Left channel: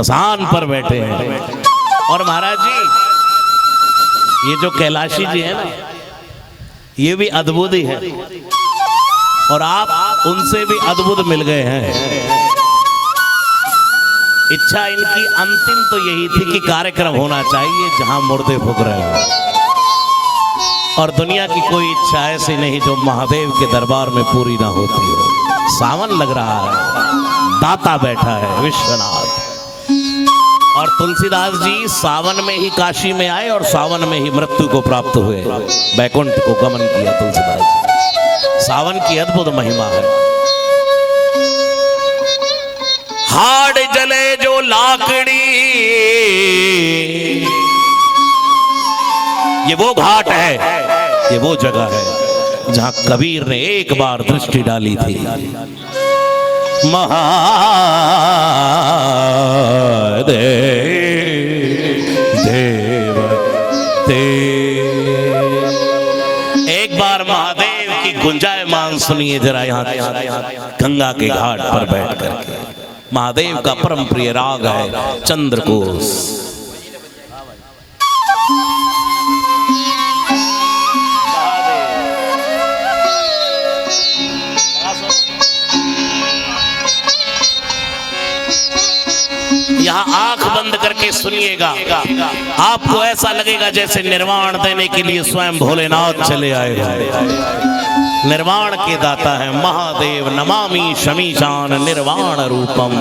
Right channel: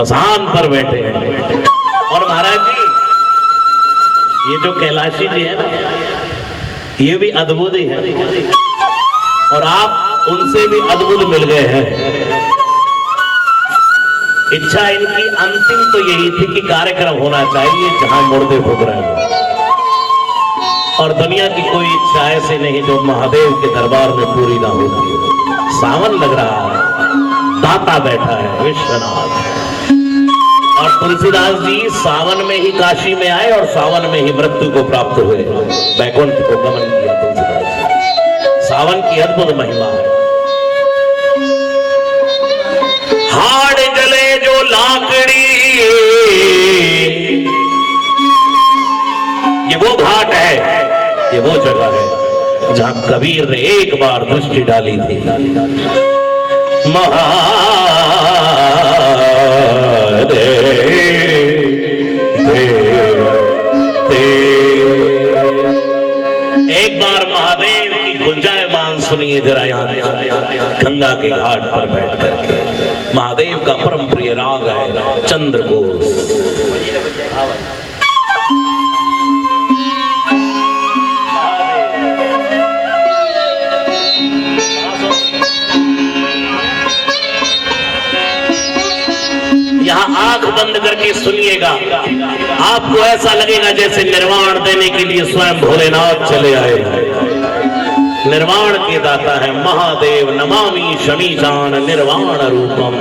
मसान पर बैठे हैं। और महाराज जी ये जो कैलाशी जी है ये भी अद्भुत ही है और आप उनसे भी अद्भुत मिल गए हैं। इच्छा इनकी अंतिम तो यही थी कि कार्यक्रम होना चाहिए जहां मुर्दे फूक रहे हो और दुनिया की कोई इच्छा ऐसी नहीं जो महादेव के दरबार में पूरी ना होती हो। सावन लग रहा है, दाता बैठा है विश्वनाथ और तुलसीदास जी सावन में ही काशी में आए और सावन में ही मृत्यु को प्राप्त हुए, वैकुंठ को गमन किया तुलसीदास जी। सावन की अद्भुत महिमा है। हाड़ जले जो लाकड़ी, ये वो घाट है, ये वो जगह है जहां कबीर ने एक बार दृष्टि डाली थी। एक बार महादेव की गुंजायमान सुनिए जरा यहाँ गंगा के घाट पर बैठ कर। महादेव का परम प्रिय राग है चंद्रघोष। यहाँ आंख बंद करके सुनिएगा, आपको ऐसा लगेगा जैसे निर्वाण देने के लिए स्वयं भोलेनाथ चले आए हैं। निर्वाण के दाता है महादेव। नमामि शमीशान निर्वाण रूपम।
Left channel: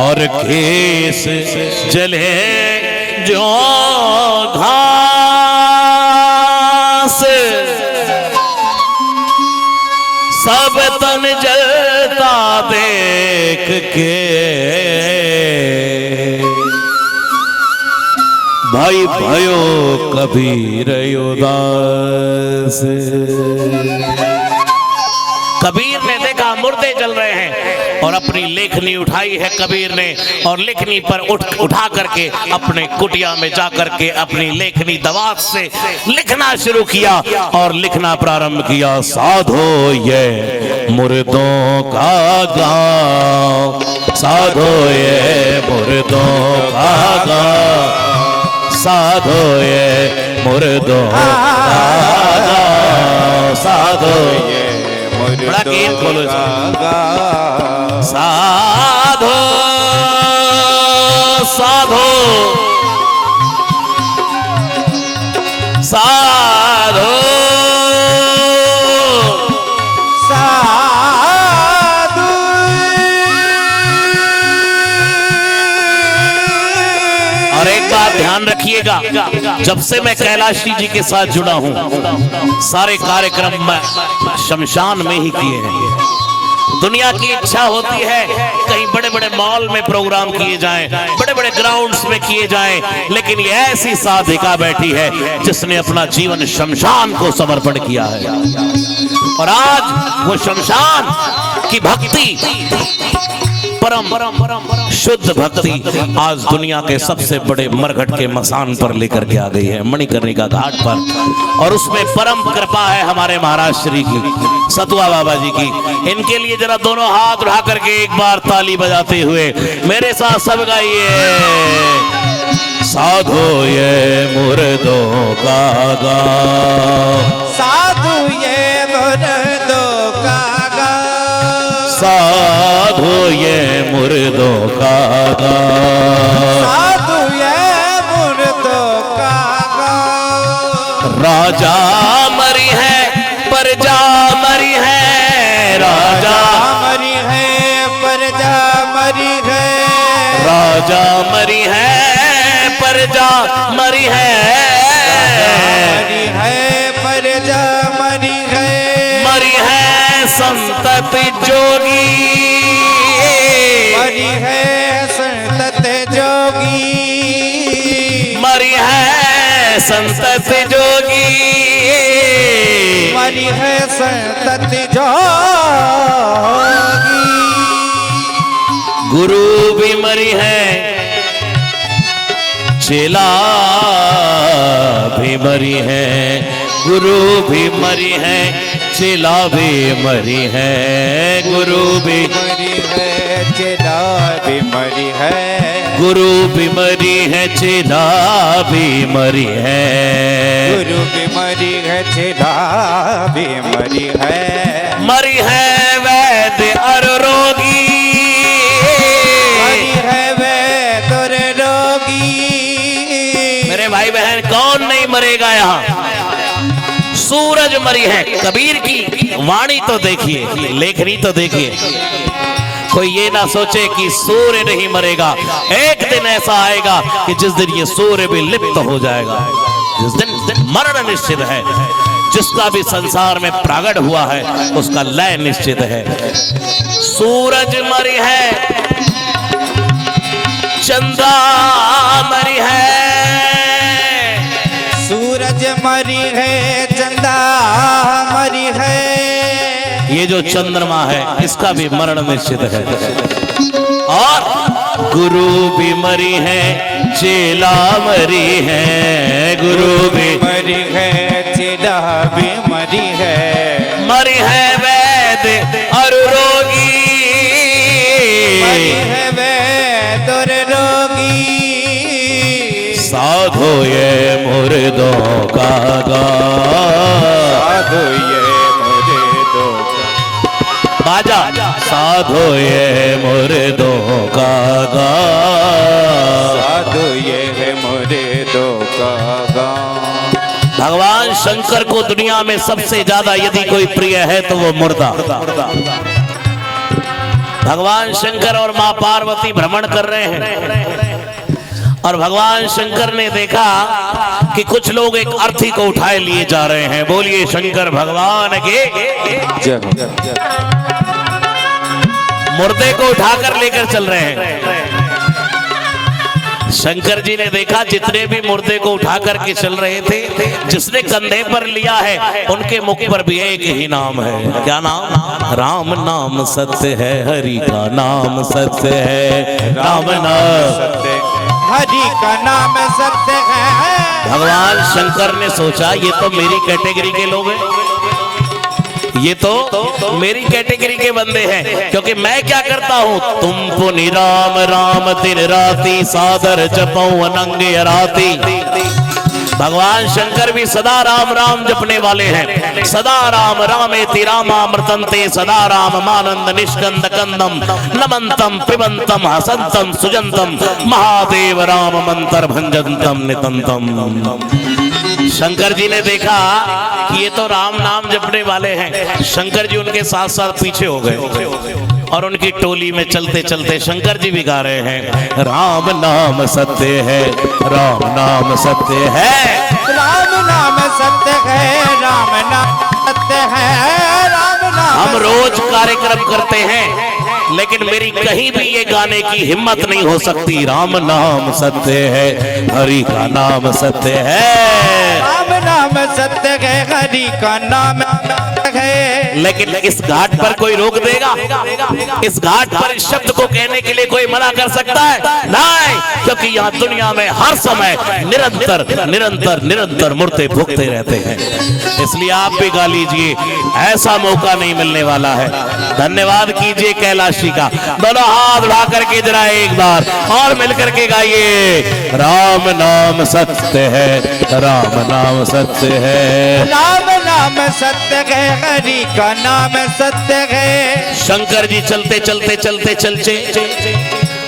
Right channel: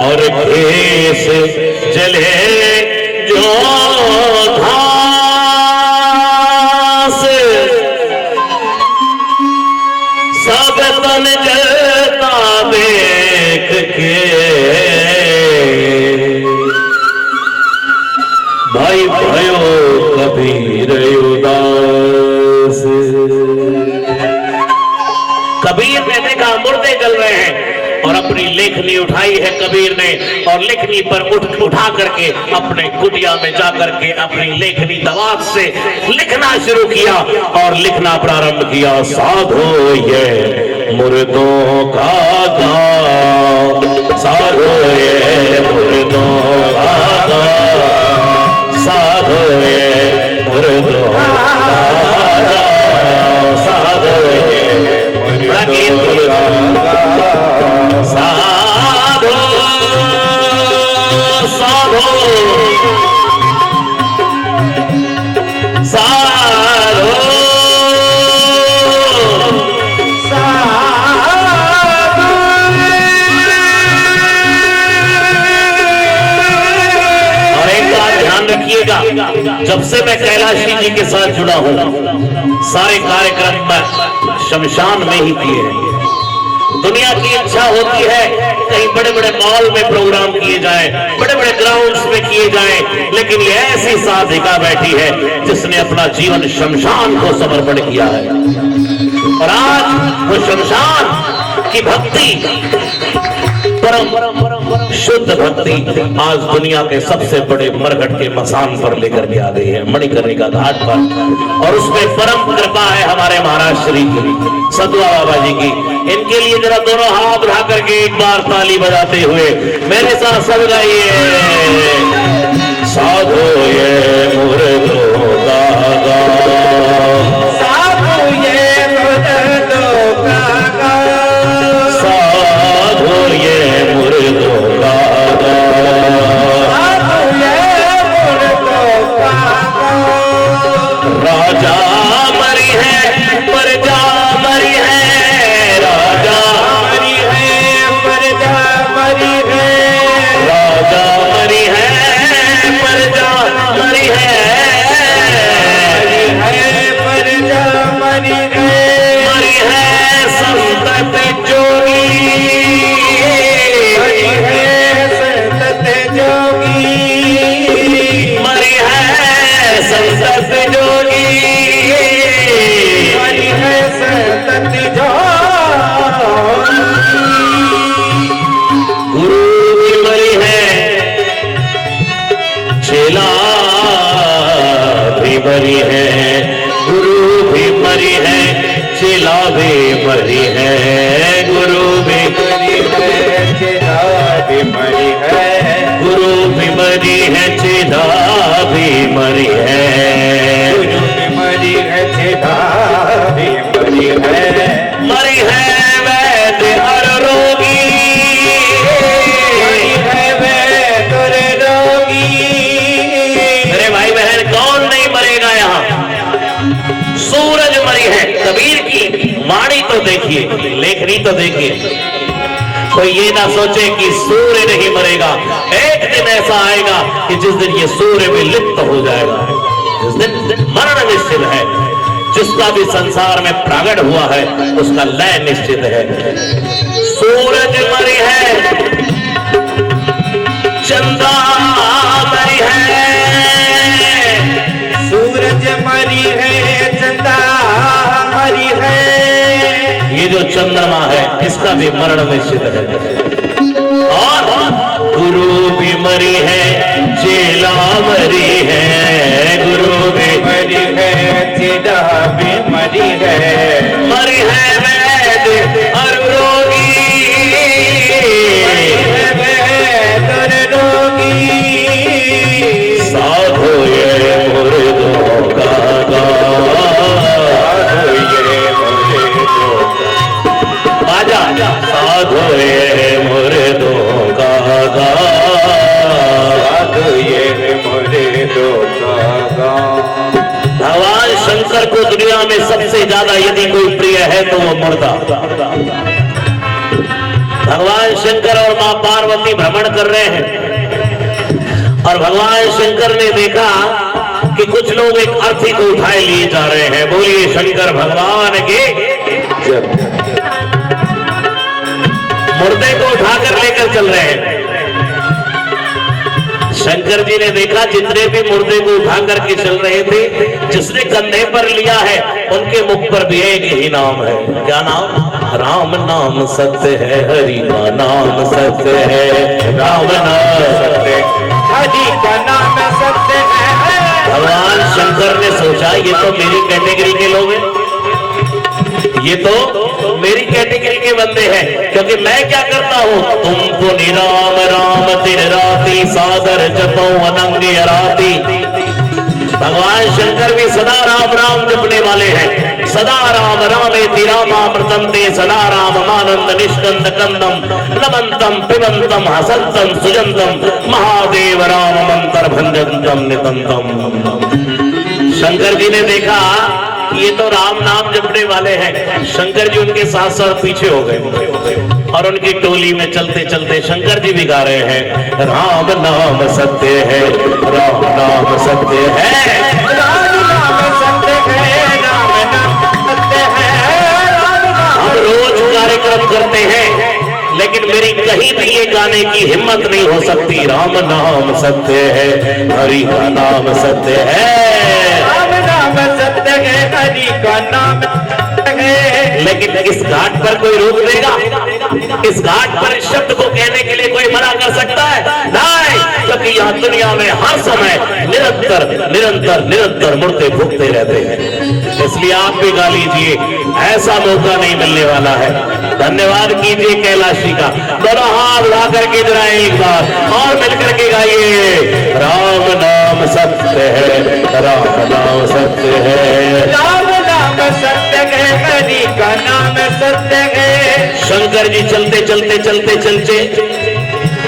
और केस जले जो घास, सब तन जलता देख के भाई भयो कबीर उदास। कबीर ने देखा मुर्दे जल रहे हैं और अपनी लेखनी उठाई है कबीर ने और लेखनी पर उठा करके अपने कुटिया में जाकर के अपनी लेखनी दवात से लिखना शुरू किया और लिखना प्रारंभ किया। साधो ये मुर्दों का गाँव, साधो ये मुर्दों का गाँव, साधो ये मुर्दों का गाँव, साधो ये बड़ा गीत बोलो। साधो साधो साधो साधु। और एक बात ध्यान रखिएगा, जब से मैं कैलाशी जी के साथ जुड़ा हूं सारे कार्यक्रम में शमशान में ही किए हैं। दुनिया की इच्छा होती है कहीं बड़े बड़े मॉल में प्रोग्राम किए जाएं, बड़े बड़े ग्राउंड्स में किए जाएं, लेकिन ये ऐसी साधिका बैठी है जिसने अपना जीवन शमशान को समर्पण किया है और आज वो शमशान की भक्ति, परम शुद्ध भक्ति आज दुनिया के सबसे बड़े मरघट के मसान पर लेकर के आ गई है, मणिकर्णिका घाट पर। और उसमें परम कृपा है हमारे महाराज श्री की, सतुआ बाबा जी की। इनके लिए जरा दोनों हाथ उठा करके एक बार ताली बजाते हुए मेरे साथ सब गाइए। साधो ये मुर्दों का गाँव, साधो ये मुर्दों का गाँव, साधो ये मुर्दों का गाँव, साधो ये मुर्दों का गाँव। राजा मरी है प्रजा मरी है, राजा जा मरी है पर जा मरी है पर जा मरी है संतत जोगी मरी है संतत जोगी मरी है संतत जोगी मरी है संतत जोगी गुरु भी मरी है चेला भी मरी है गुरु भी मरी है चेला भी मरी है गुरु भी मरी है चेला भी मरी है गुरु भी मरी है चेला भी मरी है गुरु भी मरी है चेला भी मरी है मरी है वैद और रोगी मरी है वैद और रोगी अरे भाई बहन कौन नहीं मरेगा यहाँ सूरज मरी है कबीर की वाणी तो देखिए लेखनी तो देखिए कोई ये ना सोचे कि सूर्य नहीं मरेगा एक दिन ऐसा आएगा कि जिस दिन ये सूर्य भी लिप्त हो जाएगा जिस दिन मरण निश्चित है जिसका भी संसार में प्रागट हुआ है उसका लय निश्चित है सूरज मरी है चंदा मरी है सूरज मरी है चंदा मरी है ये जो चंद्रमा है इसका भी मरण निश्चित है और गुरु भी मरी है चेला मरी है गुरु भी मरी है चेला भी मरी है वैद और रोगी मरी है वैद और रोगी साधो ये मुर्दों का साधु ये मुर्दों आजा साधो ये मुर्दों का साधु ये मुर्दों का भगवान शंकर को दुनिया में सबसे ज्यादा यदि कोई प्रिय है तो वो मुर्दा भगवान शंकर और मां पार्वती भ्रमण कर रहे हैं और भगवान शंकर ने देखा कि कुछ लोग एक अर्थी को उठाए लिए जा रहे हैं बोलिए शंकर भगवान के मुर्दे को उठाकर लेकर चल रहे हैं शंकर जी ने देखा जितने भी मुर्दे को उठा करके चल रहे थे जिसने कंधे पर लिया है उनके मुख पर भी एक ही नाम है क्या नाम राम नाम सत्य है हरि का नाम सत्य है राम नाम सत्य हरि का नाम सत्य है भगवान शंकर ने सोचा ये तो मेरी कैटेगरी के लोग हैं ये तो मेरी कैटेगरी के बंदे हैं क्योंकि मैं क्या करता हूँ तुम पुनि राम राम दिन राती सादर जपो अनंगी राती भगवान शंकर भी सदा राम राम जपने वाले हैं सदा राम रामेति रामामृतम ते सदा राम मानंद निष्कंद कंदम नमंतम पिबंतम हसंतम सुजंतम महादेव राम मंत्र भंजंतम नितंतम शंकर जी ने देखा कि ये तो राम नाम जपने वाले हैं शंकर जी उनके साथ साथ पीछे हो गए और उनकी टोली में चलते चलते शंकर जी भी गा रहे हैं राम नाम सत्य है राम नाम सत्य है राम नाम सत्य है राम नाम सत्य है राम नाम हम रोज कार्यक्रम करते हैं लेकिन मेरी कहीं भी ये गाने की हिम्मत नहीं हो सकती राम नाम सत्य है हरि का नाम सत्य है राम नाम सत्य है हरि का नाम सत्य है लेकिन इस घाट पर कोई रोक देगा इस घाट पर इस शब्द को कहने के लिए कोई मना कर सकता है नहीं क्योंकि यहाँ दुनिया में हर समय निरंतर निरंतर निरंतर मुड़ते भुगते रहते हैं इसलिए आप भी गा लीजिए ऐसा मौका नहीं मिलने वाला है धन्यवाद कीजिए कैलाशी का दोनों हाथ उठा करके जरा एक बार और मिलकर के गाइए राम नाम सत्य है राम नाम सत्य है राम नाम सत्य है हरि का नाम सत्य है शंकर जी चलते चलते चलते चलते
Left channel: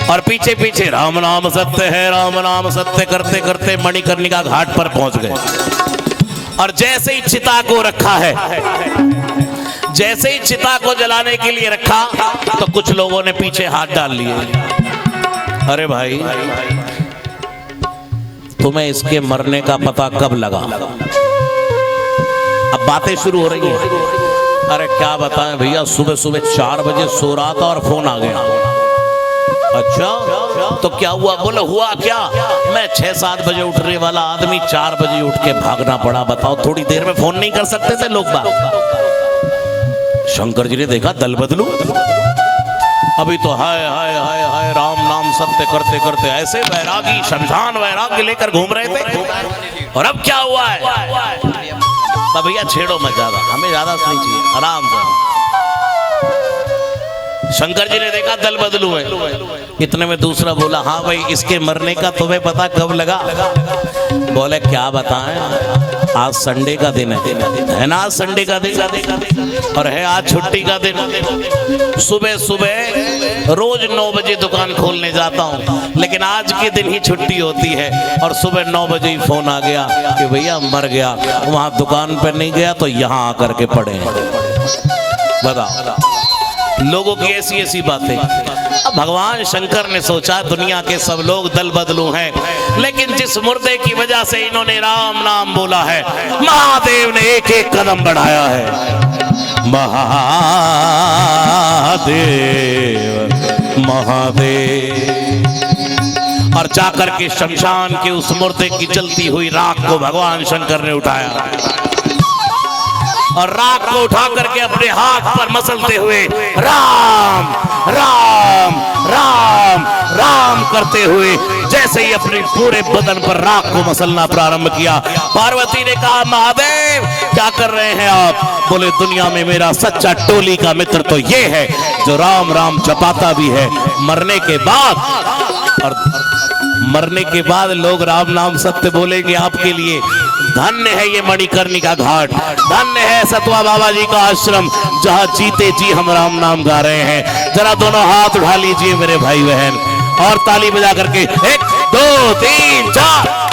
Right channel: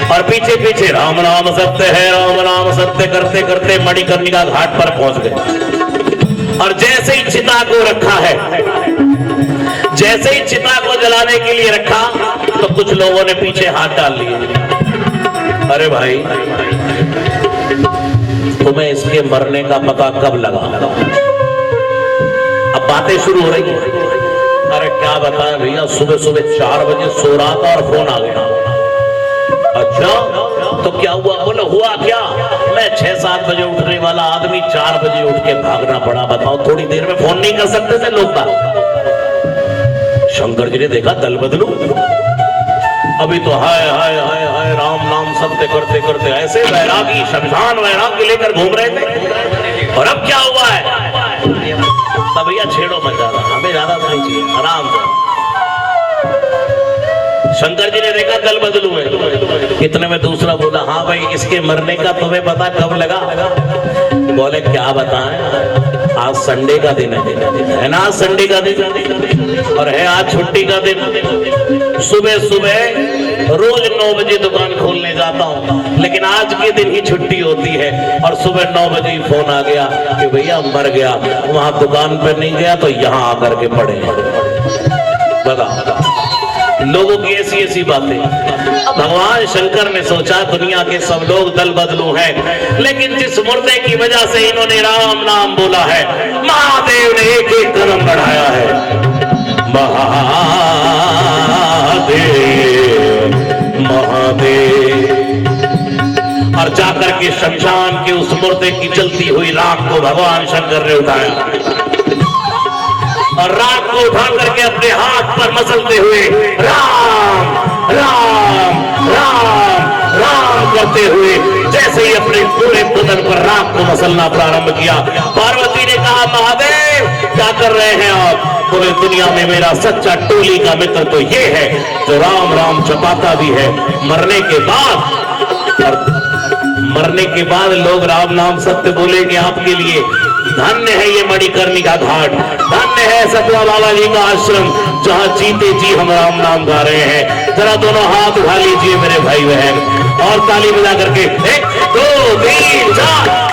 और पीछे पीछे राम नाम सत्य है राम नाम सत्य करते करते मणिकर्णिका घाट पर पहुंच गए और जैसे ही चिता को रखा है जैसे ही चिता को जलाने के लिए रखा तो कुछ लोगों ने पीछे हाथ डाल लिए अरे भाई, तुम्हें इसके मरने का पता कब लगा? अब बातें शुरू हो रही है। अरे क्या बताएं भैया, सुबह सुबह 4 बजे सो रहा था और फोन आ गया। अच्छा, तो क्या हुआ? बोले हुआ क्या, मैं 6-7 बजे उठने वाला आदमी 4 बजे उठ के भागना पड़ा। बताओ, थोड़ी देर में फोन नहीं कर सकते थे लोग बात? शंकर जी ने देखा, दल बदलू। अभी तो हाय हाय हाय हाय राम नाम सत्य करते करते ऐसे वैरागी, शमशान वैरागी लेकर घूम रहे थे। और अब क्या हुआ है? भैया छेड़ो मत ज्यादा, हमें ज्यादा नहीं चाहिए, आराम से। शंकर जी ने देखा दल बदलू है। इतने में दूसरा बोला, हाँ भाई, इसके मरने का तुम्हें पता कब लगा? बोले क्या बताएं, आज संडे का दिन है ना, आज संडे का दिन और है आज छुट्टी का दिन। सुबह सुबह रोज 9 बजे दुकान खोलने जाता हूँ, लेकिन आज के दिन ही छुट्टी होती है। और सुबह 9 बजे ही फोन आ गया कि भैया मर गया। वहां दुकान पर नहीं गया तो यहाँ आकर के पड़े। बता, लोगों की ऐसी ऐसी बातें। अब भगवान शंकर ने सोचा दुनिया के सब लोग दल बदलू हैं, लेकिन जिस मुर्दे की वजह से इन्होंने राम नाम बोला है, महादेव ने एक एक कदम बढ़ाया है। महादेव महादेव। और जाकर के शमशान के उस मुर्दे की जलती हुई राख को भगवान शंकर ने उठाया और राख को उठा करके अपने हाथ पर मसलते हुए राम राम राम राम करते हुए जैसे ही अपने पूरे बदन पर राख को मसलना प्रारंभ किया, पार्वती ने कहा, महादेव क्या कर रहे हैं आप? पूरे दुनिया में मेरा सच्चा टोली का मित्र तो ये है जो राम राम जपाता भी है। मरने के बाद लोग राम नाम सत्य बोलेंगे आपके लिए। धन्य है ये मणिकर्णिका घाट, धन्य है सतवा बाबा जी का आश्रम, जहाँ जीते जी हम राम नाम गा रहे हैं। जरा दोनों हाथ उठा लीजिए मेरे भाई बहन और ताली बजा करके 1 2 3 4।